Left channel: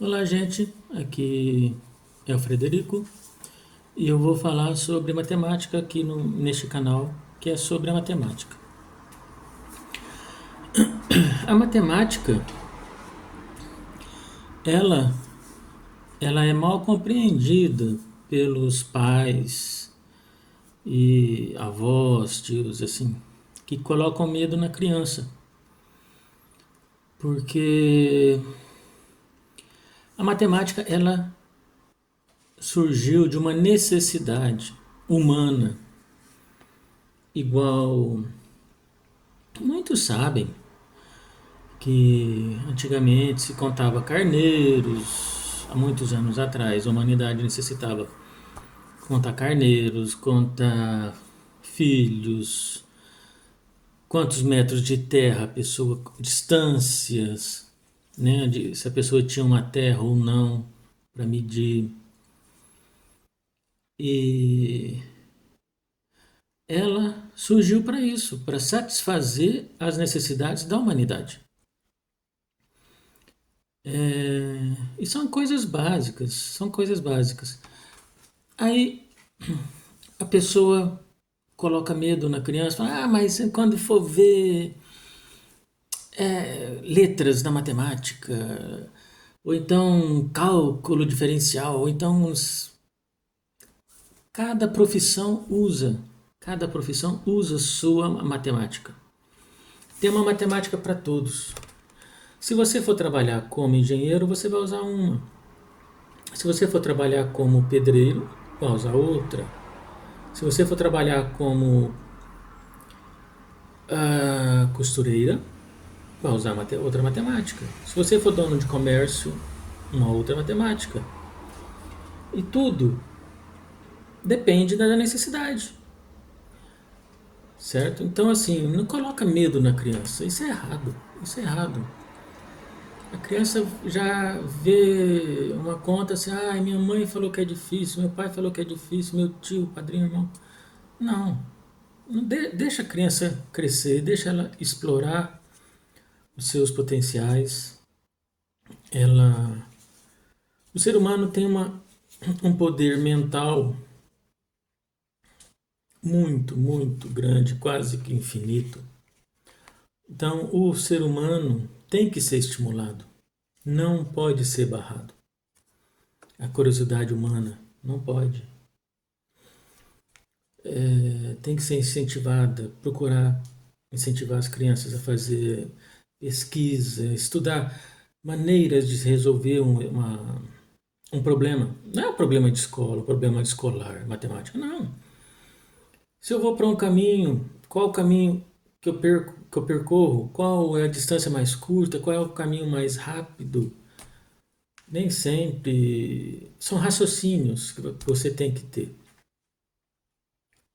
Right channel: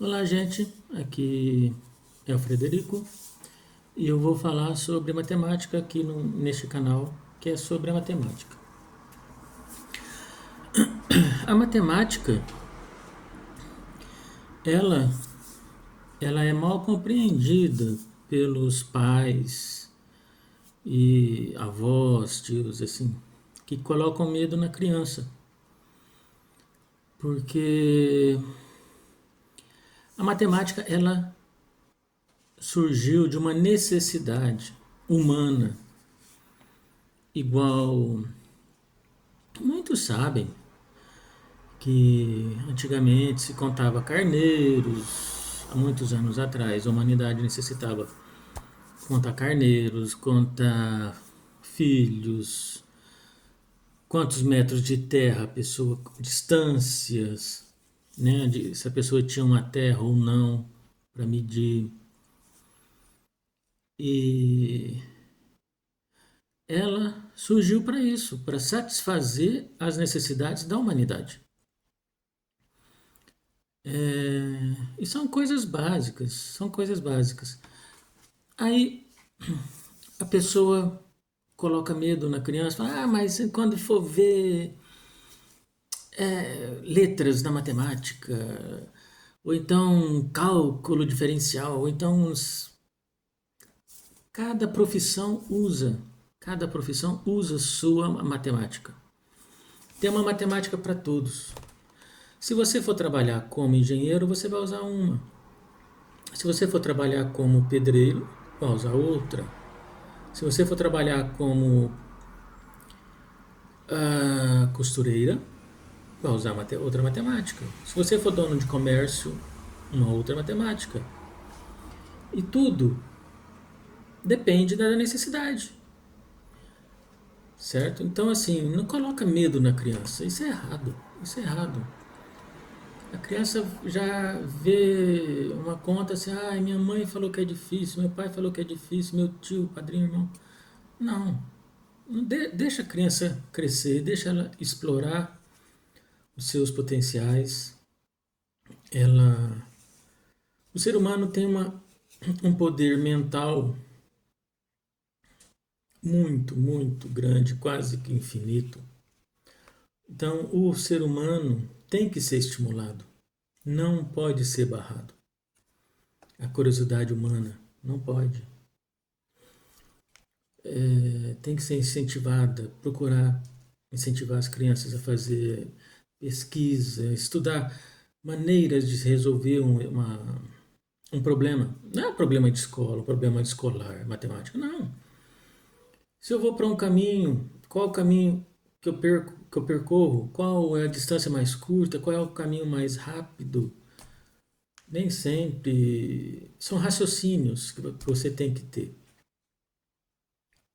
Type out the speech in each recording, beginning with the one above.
Olá, gente. Aqui é o Frederico e eu vou falar sobre matemática aqui neste canal, que é sobre a matemática. A matemática, ela, ela é mal compreendida pelos pais e avós, tios, assim, que colocam medo na criança, porque a matemática ela surgiu de uma necessidade humana, igual muitos sabem que antigamente se contava carneiros, há muitos anos atrás a humanidade necessitava contar carneiros, contar filhos, quantos metros de terra a pessoa, distâncias, né, se a pessoa tinha uma terra ou não para medir. E ela surgiu para isso, para satisfazer as necessidades da humanidade. E são coisas básicas, são coisas básicas. Aí a pessoa coloca medo na criança, fala, mas quando for ver letras na matemática, ou então cálculo diferencial, ou então cada profissão usa sua matemática. Tem uma matemática para todos. Se você for trabalhar como engenheiro, você vai usar uma. Se você for trabalhar como pedreiro, vai usar outra. Se você for trabalhar como costureira, vai usar outra matemática. Se você for dono de comércio, uma outra matemática. E tudo depende da necessidade, certo? Então, assim, não coloca medo na criança. Isso é errado. Isso é errado. A criança já vê uma conta assim, minha mãe falou que é difícil, meu pai falou que é difícil, meu tio, padrinho, irmão. Não. Deixa a criança crescer, deixa ela explorar os seus potenciais. Ela, o ser humano tem um poder mental muito, muito grande, quase que infinito. Então, o ser humano tem que ser estimulado, não pode ser barrado. A curiosidade humana não pode. Tem que ser incentivada, procurar incentivar as crianças a fazer pesquisa, estudar maneiras de resolver um problema. Não é um problema de escola, um problema escolar, matemática, não. Se eu vou para um caminho, qual o caminho que eu percorro? Qual é a distância mais curta? Qual é o caminho mais rápido? Nem sempre são raciocínios que você tem que ter.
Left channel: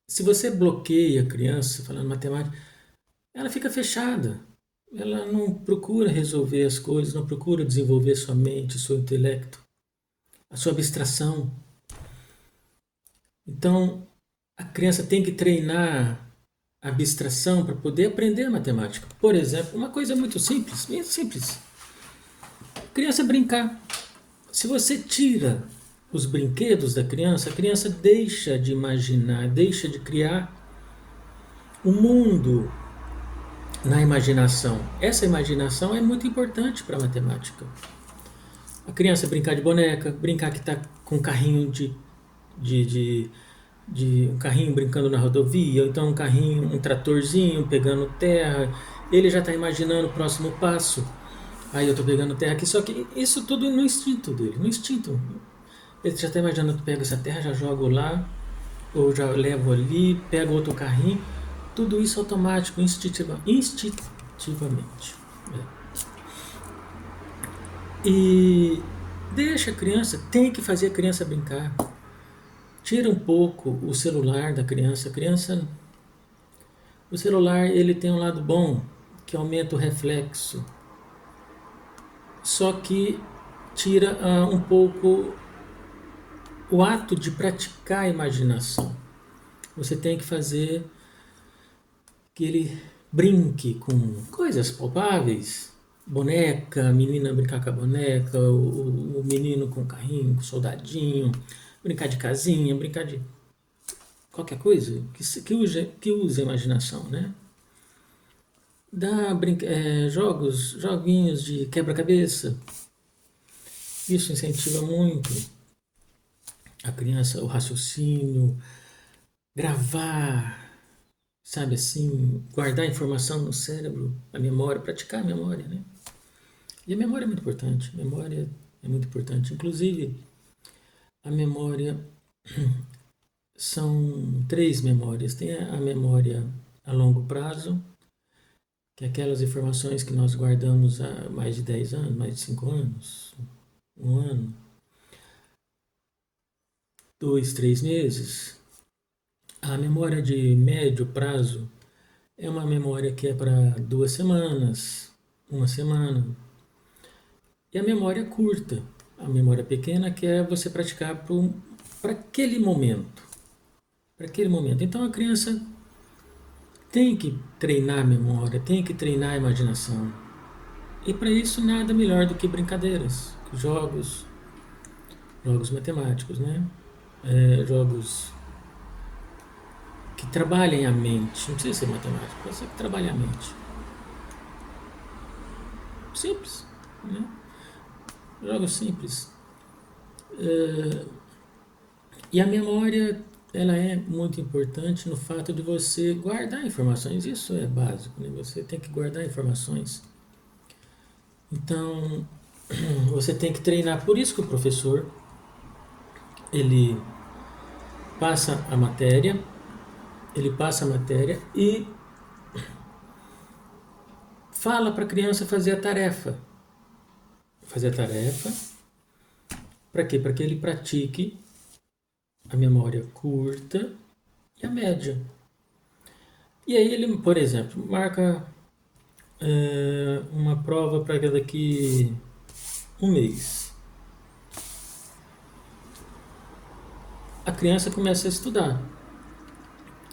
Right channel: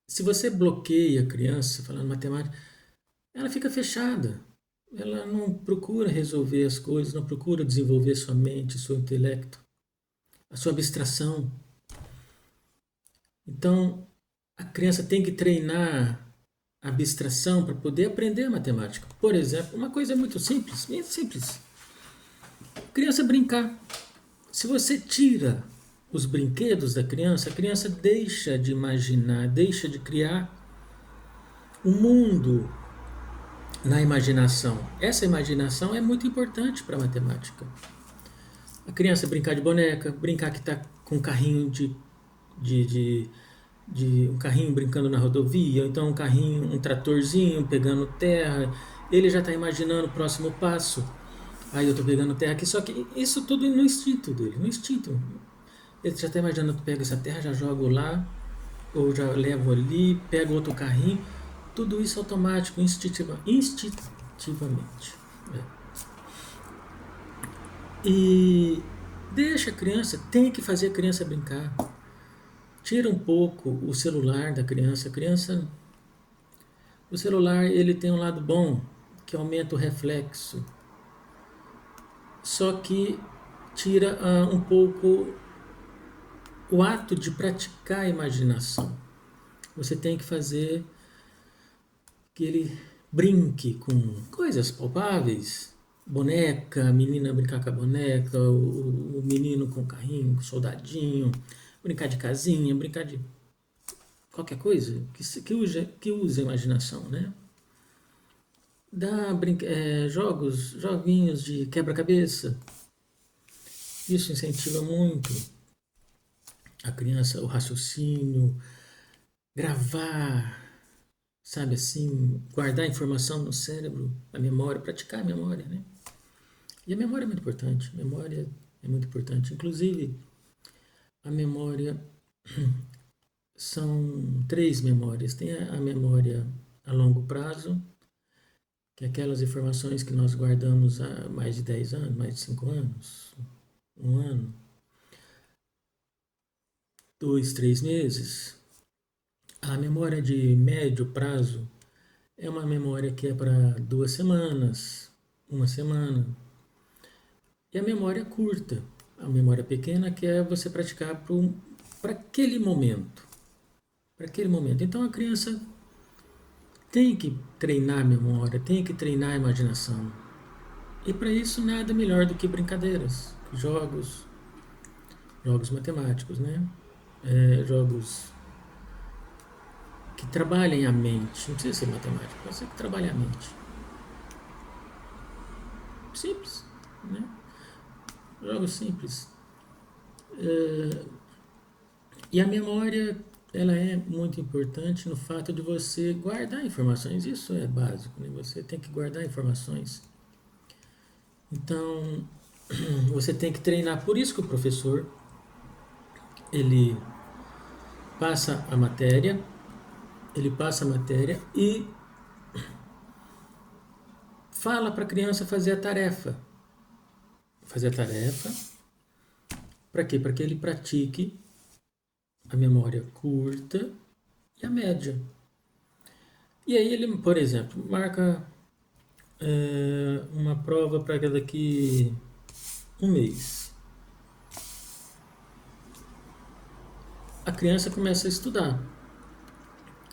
Se você bloqueia a criança falando matemática, ela fica fechada. Ela não procura resolver as coisas, não procura desenvolver sua mente, seu intelecto, a sua abstração. Então, a criança tem que treinar a abstração para poder aprender matemática. Por exemplo, uma coisa muito simples, bem simples. A criança brincar. Se você tira os brinquedos da criança, a criança deixa de imaginar, deixa de criar um mundo na imaginação. Essa imaginação é muito importante para a matemática. A criança brincar de boneca, brincar que está com um carrinho de, de, de um carrinho brincando na rodovia, ou então um carrinho, um tratorzinho pegando terra, ele já está imaginando o próximo passo. Aí eu estou pegando terra aqui, só que isso tudo no instinto dele, no instinto. Ele já está imaginando que pega essa terra, já jogo lá, ou já levo ali, pego outro carrinho. Tudo isso automático, instintivamente. E deixa a criança, tem que fazer a criança brincar. Tira um pouco o celular da criança. O celular ele tem um lado bom, que aumenta o reflexo. Só que tira um pouco o ato de praticar a imaginação. Você tem que fazer que ele brinque com coisas palpáveis, boneca, a menina brincar com a boneca, menino com carrinho, com soldadinho, brincar de casinha, brincar de qualquer coisa que use a imaginação, né? Joguinhos de quebra-cabeça. Isso incentiva muito a criança, o raciocínio, gravar, sabe assim, guardar informação no cérebro, a memória, praticar a memória, né? E a memória é muito importante, a memória é muito importante. Inclusive, a memória são 3 memórias. Tem a memória a longo prazo, que é aquelas informações que nós guardamos há mais de 10 anos, mais de 5 anos, 1 ano, 2, 3 meses. A memória de médio prazo é uma memória que é para 2 semanas, 1 semana. E a memória curta, a memória pequena, que é você praticar para aquele momento. Para aquele momento. Então a criança tem que treinar a memória, tem que treinar a imaginação. E para isso nada melhor do que brincadeiras, jogos matemáticos, né? Jogos que trabalhem a mente. Não precisa ser matemático, mas que trabalhem a mente. Simples, né? Jogos simples. E a memória, ela é muito importante no fato de você guardar informações. Isso é básico, né? Você tem que guardar informações. Então, você tem que treinar. Por isso que o professor, ele passa a matéria e fala para a criança fazer a tarefa. Fazer a tarefa, para quê? Para que ele pratique a memória curta e a média. E aí ele, por exemplo, marca uma prova para daqui 1 mês. A criança começa a estudar.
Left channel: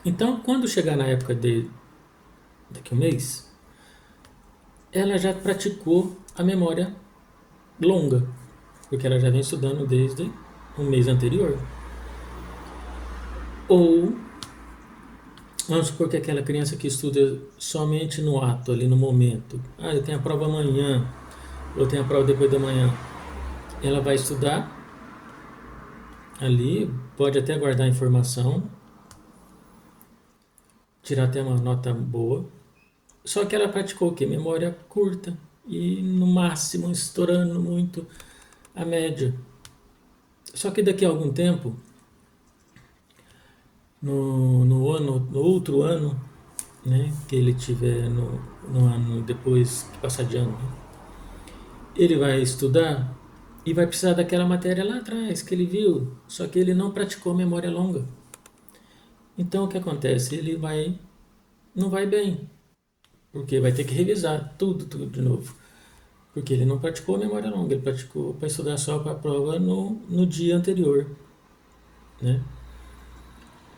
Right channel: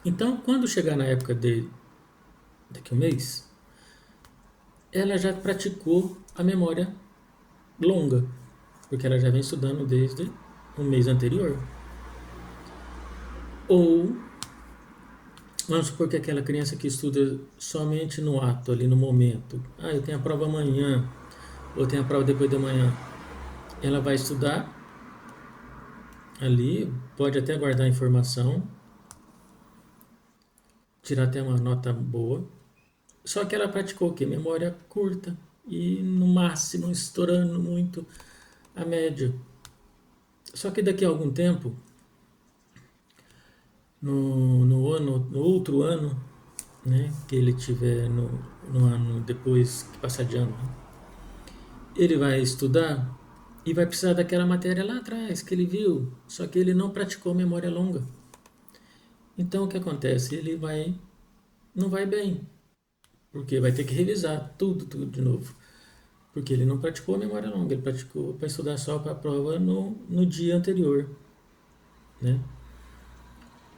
Então, quando chegar na época daqui 1 mês, ela já praticou a memória longa, porque ela já vem estudando desde o mês anterior. Ou, vamos supor que aquela criança que estuda somente no ato, ali no momento, eu tenho a prova amanhã, eu tenho a prova depois da manhã, ela vai estudar ali, pode até guardar informação, tirar até uma nota boa, só que ela praticou o quê? Memória curta e no máximo estourando muito a média. Só que daqui a algum tempo, no outro ano, né, que ele tiver no ano depois que passar de ano, né, ele vai estudar e vai precisar daquela matéria lá atrás que ele viu, só que ele não praticou memória longa. Então o que acontece? Ele não vai bem, porque vai ter que revisar tudo de novo, porque ele não praticou memória longa, ele praticou para estudar só para a prova no dia anterior, né?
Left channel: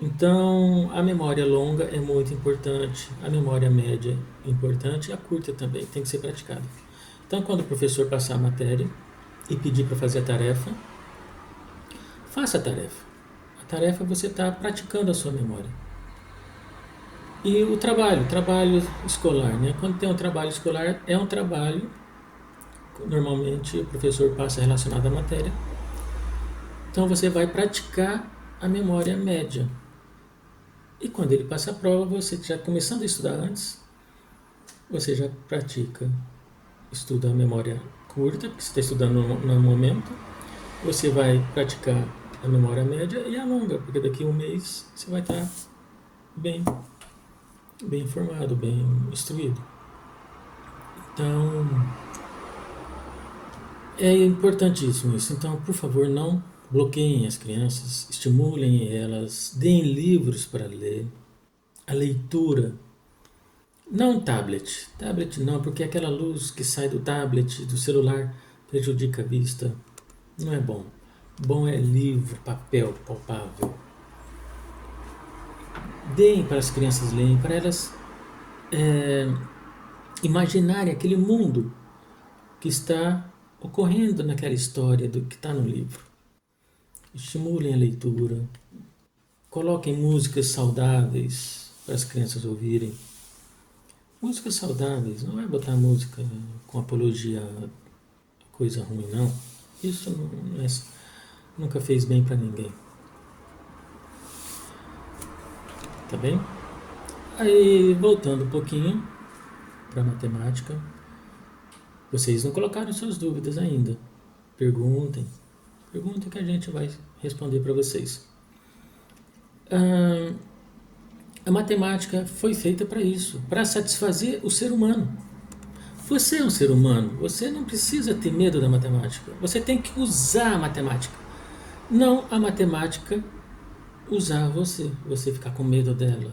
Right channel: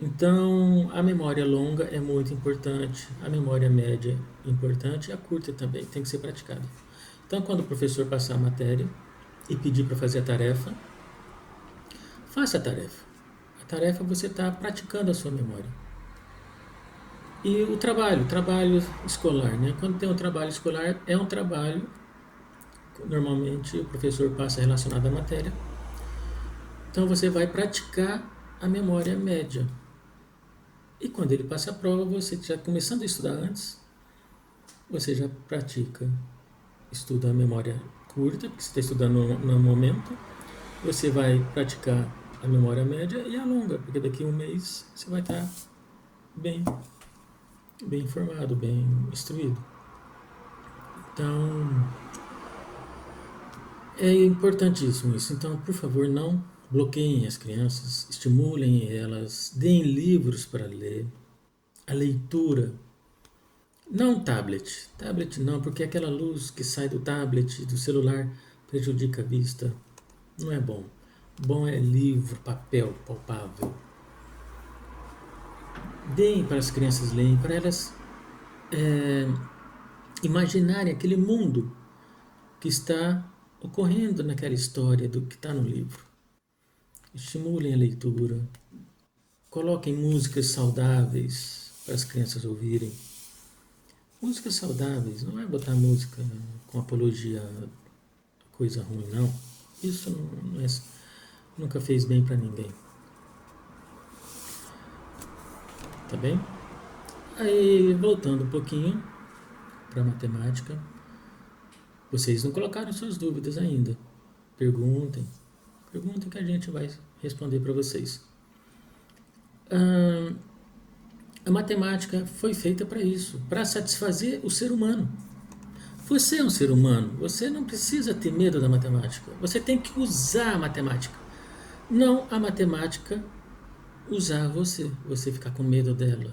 Então, a memória longa é muito importante, a memória média é importante e a curta também tem que ser praticada. Então, quando o professor passar a matéria e pedir para fazer a tarefa, faça a tarefa. A tarefa você está praticando a sua memória. E o trabalho escolar, né? Quando tem um trabalho escolar, é um trabalho, normalmente o professor passa relacionado à matéria. Então, você vai praticar a memória média. E quando ele passa a prova, você já começando a estudar antes, você já estuda a memória curta, porque você está estudando no momento, você vai praticar a memória média e a longa, porque daqui a 1 mês você vai estar bem informado, bem instruído. Então, é importantíssimo isso. Então, por favor, não bloqueiem as crianças, estimulem elas, deem livros para ler, a leitura. Não tablet não, porque aquela luz que sai do tablet, do celular, prejudica a vista, não é bom. Bom é livro, papel, palpável. Deem para as crianças lerem, para elas imaginarem aquele mundo que está ocorrendo naquela história do que está no livro. Estimulem a leitura, coloquem músicas saudáveis para as crianças ouvirem. Músicas saudáveis, não é botar música com apologia a coisa ruim, não. Isso nunca fez bem para ninguém. Tá bem? Aí, voltando um pouquinho para a matemática, vocês não colocaram suas dúvidas ainda. Perguntem que a gente vai responder para vocês. A matemática foi feita para isso, para satisfazer o ser humano. Você é um ser humano, você não precisa ter medo da matemática. Você tem que usar a matemática. Não a matemática usar você. Você ficar com medo dela.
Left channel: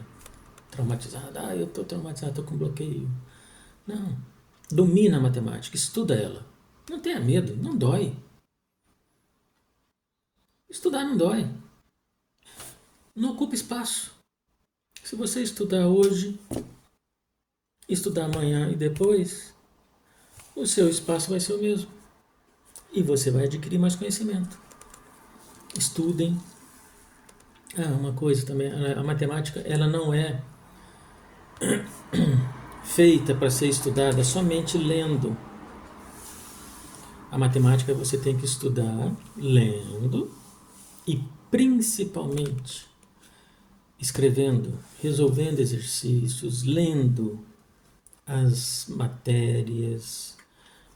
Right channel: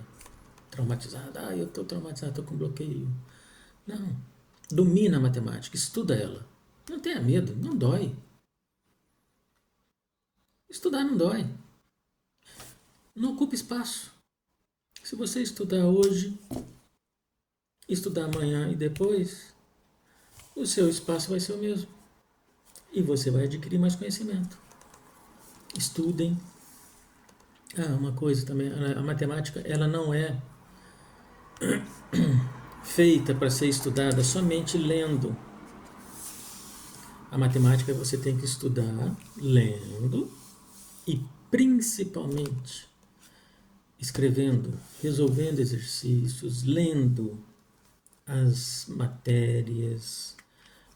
Traumatizado. Eu estou traumatizado, estou com bloqueio. Não. Domina a matemática, estuda ela. Não tenha medo, não dói. Estudar não dói. Não ocupa espaço. Se você estudar hoje, estudar amanhã e depois, o seu espaço vai ser o mesmo. E você vai adquirir mais conhecimento. Estudem. Uma coisa também, a matemática ela não é feita para ser estudada somente lendo. A matemática você tem que estudar lendo e principalmente escrevendo, resolvendo exercícios, lendo as matérias,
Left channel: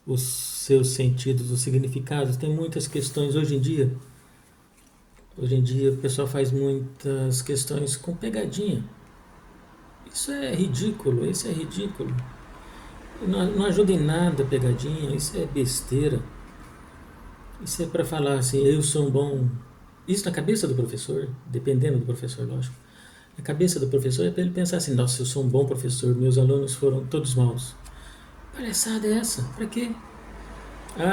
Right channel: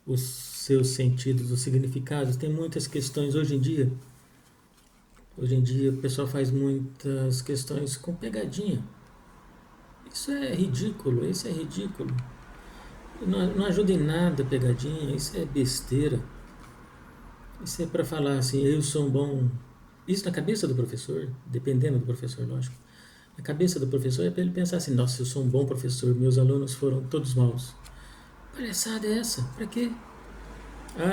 os seus sentidos, os significados. Tem muitas questões hoje em dia. Hoje em dia o pessoal faz muitas questões com pegadinha. Isso é ridículo, Não ajuda em nada a pegadinha, isso é besteira. Isso é para falar assim, eu sou um bom... Isso na cabeça do professor, dependendo do professor, lógico. Na cabeça do professor é para ele pensar assim, nossa, eu sou um bom professor, meus alunos foram todos maus. Palhaçada é essa? Para quê?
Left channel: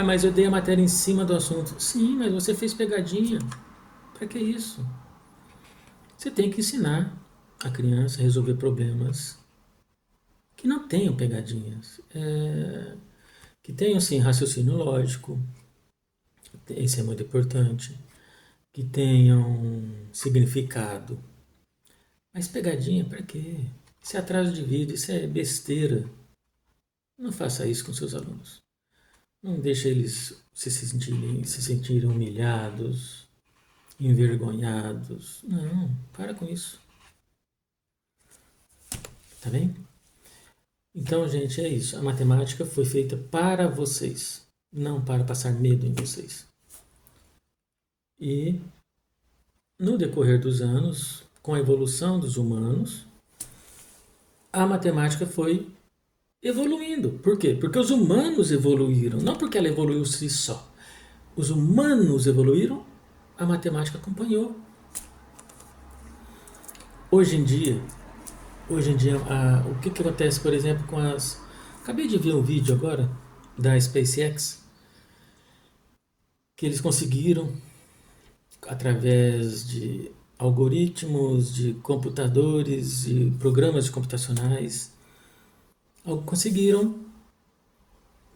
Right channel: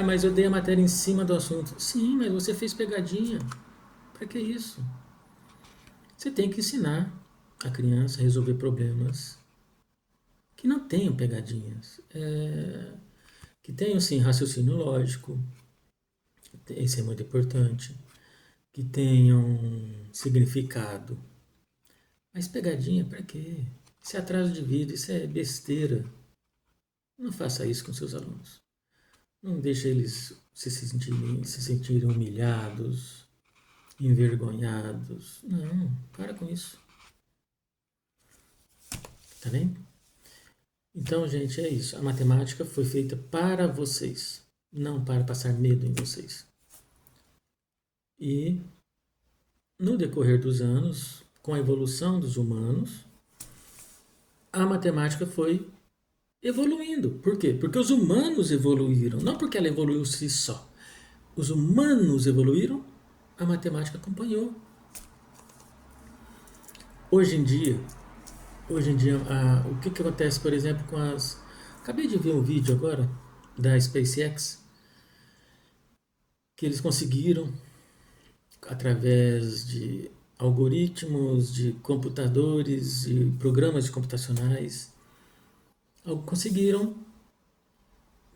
Mas eu dei a matéria em cima do assunto. Sim, mas você fez pegadinha. Para que isso? Você tem que ensinar a criança a resolver problemas que não tenham pegadinhas. Que tenham, sim, raciocínio lógico. Isso é muito importante. Que tenham significado. Mas pegadinha, para quê? Isso é atraso de vida, isso é besteira. Não faça isso com seus alunos. Não deixe eles se sentirem humilhados, envergonhados. Não, para com isso. Tá bem? Então, gente, é isso. A matemática foi feita para vocês, não para passar medo em vocês. E, no decorrer dos anos, com a evolução dos humanos, a matemática foi evoluindo. Por quê? Porque os humanos evoluíram, não porque ela evoluiu si só. Os humanos evoluíram, a matemática acompanhou. Hoje em dia, o que acontece, por exemplo, com as... Acabei de ver um vídeo agora da SpaceX, que eles conseguiram, através de algoritmos, de computadores e programas computacionais, conseguiram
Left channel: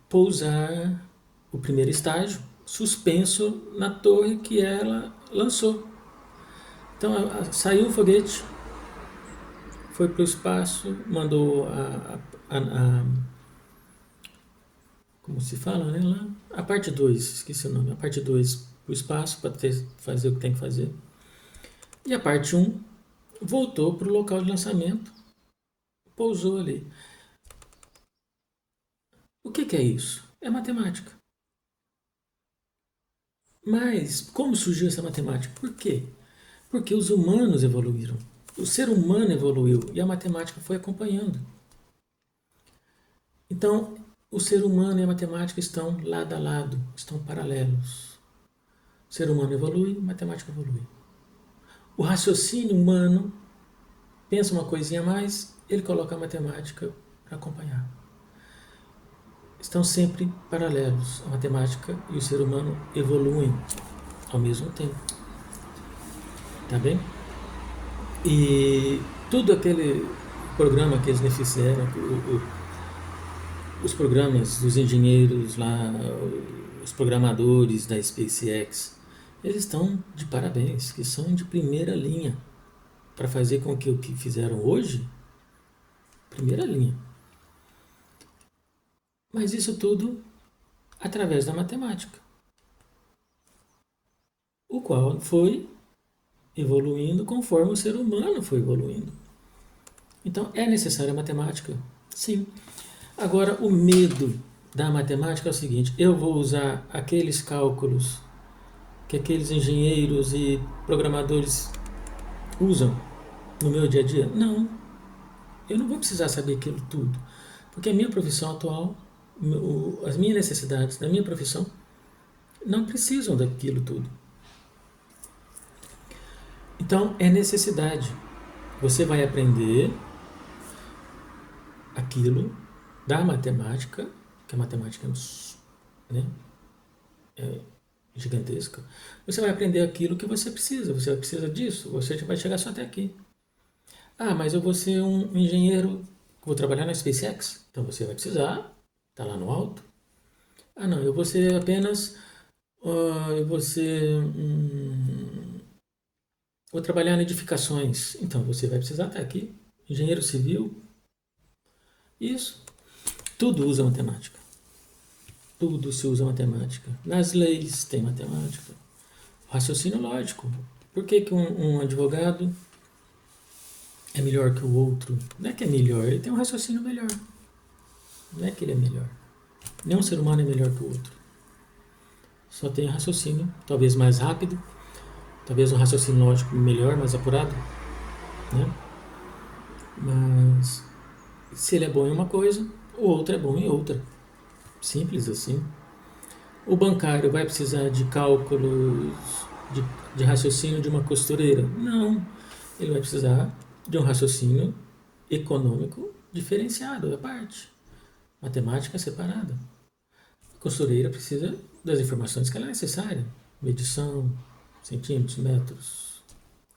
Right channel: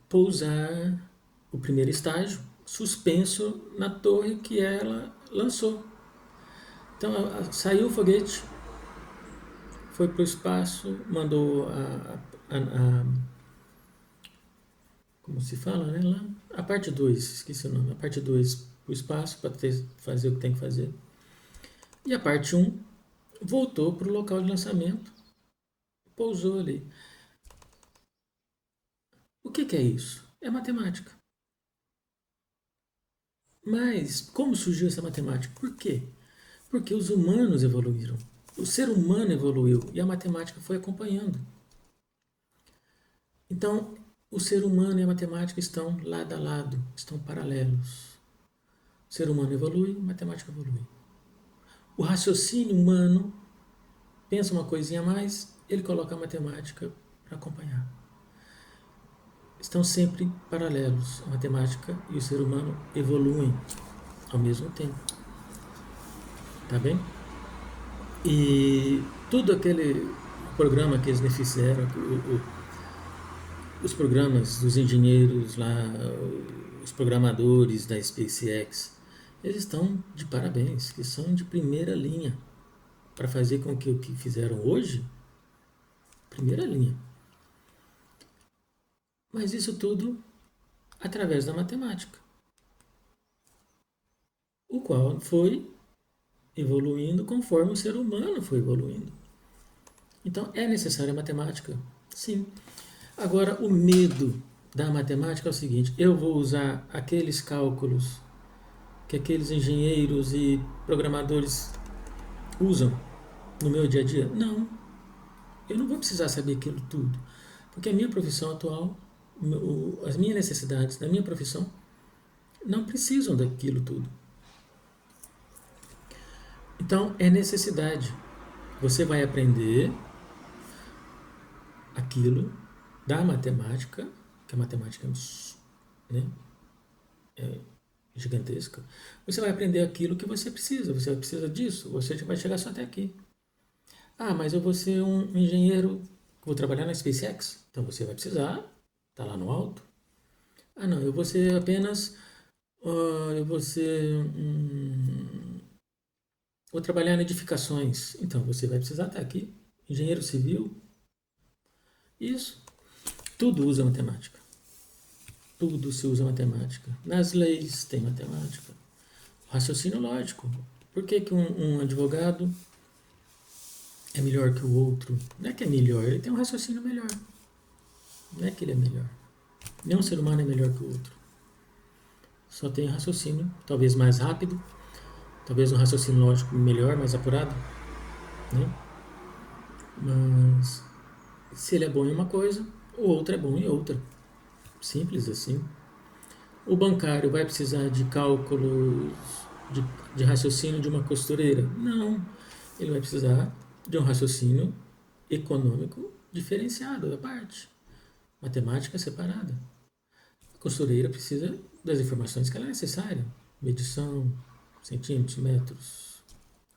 pousar o primeiro estágio suspenso na torre que ela lançou. Então saiu o foguete, foi para o espaço, mandou como se fala, né, lá? A parte 2, esqueci o nome, a parte 2 para o espaço para fazer o que tem que fazer. E a parte 1 voltou para o local de lançamento, pousou ali. O que é isso? É matemática. Mas como surgiu essa matemática? Por quê? Porque os humanos evoluíram. O ser humano evoluiu e a matemática foi acompanhando. Então, o ser humano e a matemática estão lado a lado, estão paralelos. O ser humano evolui, a matemática evolui. O raciocínio humano pensa uma coisinha a mais, ele coloca a matemática para acompanhar. Estão sempre paralelos. A matemática e o ser humano evoluem ao mesmo tempo. Tá bem? E tudo aquele programa que eles me fizeram, os programas dos engenheiros lá, os programadores da SpaceX, eles estão de parabéns, que são de primeira linha para fazer com que o que fizeram hoje, primeira linha. Mas isso tudo através da matemática, o qual foi evoluindo conforme o ser humano foi evoluindo. Então é necessária a matemática, sim. Agora o medo da matemática é o seguinte: eu vou usar aqueles cálculos que aqueles engenheiros e programadores usam no meu dia a dia? Não, eu não vou precisar saber aquilo tudo, porque a minha profissão atual, as minhas necessidades da minha profissão não precisam daquilo tudo. Então é necessidade. Você vai aprender aquilo da matemática, que a matemática né, é gigantesca. Você vai aprender aquilo que você precisa disso, você vai chegar só até aqui. Ah, mas eu vou ser um engenheiro, vou trabalhar na SpaceX, então você vai precisar, tá lá no alto. Ah, não, eu vou ser apenas, eu vou ser, vou trabalhar em edificações, então você vai precisar estar aqui. Engenheiro civil, isso, tudo usa matemática. Tudo se usa matemática. Nas leis tem matemática. Raciocínio lógico. Por que, que um advogado é melhor que o outro? Não é que é melhor, ele tem um raciocínio melhor. Não é que ele é melhor. Nenhum ser humano é melhor que o outro. Só tem raciocínio, talvez mais rápido, talvez um raciocínio lógico melhor, mais apurado, né? Mas se ele é bom em uma coisa, o outro é bom em outra. Simples assim. O bancário vai precisar de cálculos de raciocínio de uma costureira? Não. Ele vai precisar de um raciocínio econômico diferenciado à parte. Matemática separada. A costureira precisa das informações que ela é necessária. Medição, centímetros, metros,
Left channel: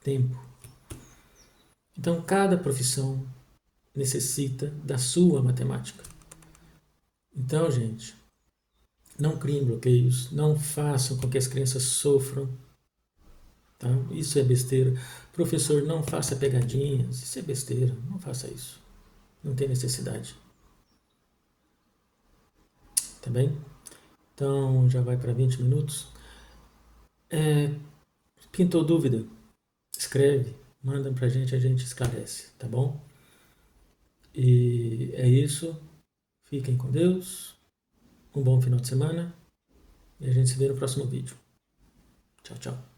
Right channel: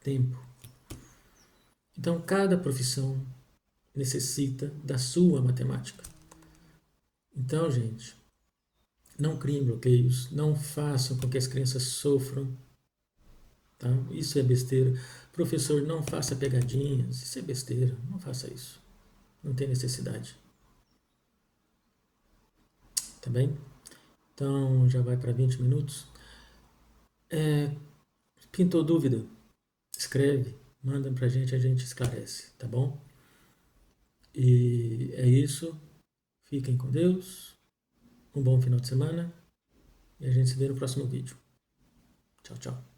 tempo. Então, cada profissão necessita da sua matemática. Então, gente, não criem bloqueios, não façam com que as crianças sofram. Tá? Isso é besteira. Professor, não faça pegadinhas, isso é besteira, não faça isso. Não tem necessidade. Tá bem? Então, já vai para 20 minutos. Pintou dúvida? Escreve, manda pra gente, a gente esclarece, tá bom? E é isso. Fiquem com Deus. Um bom final de semana. E a gente se vê no próximo vídeo. Tchau, tchau.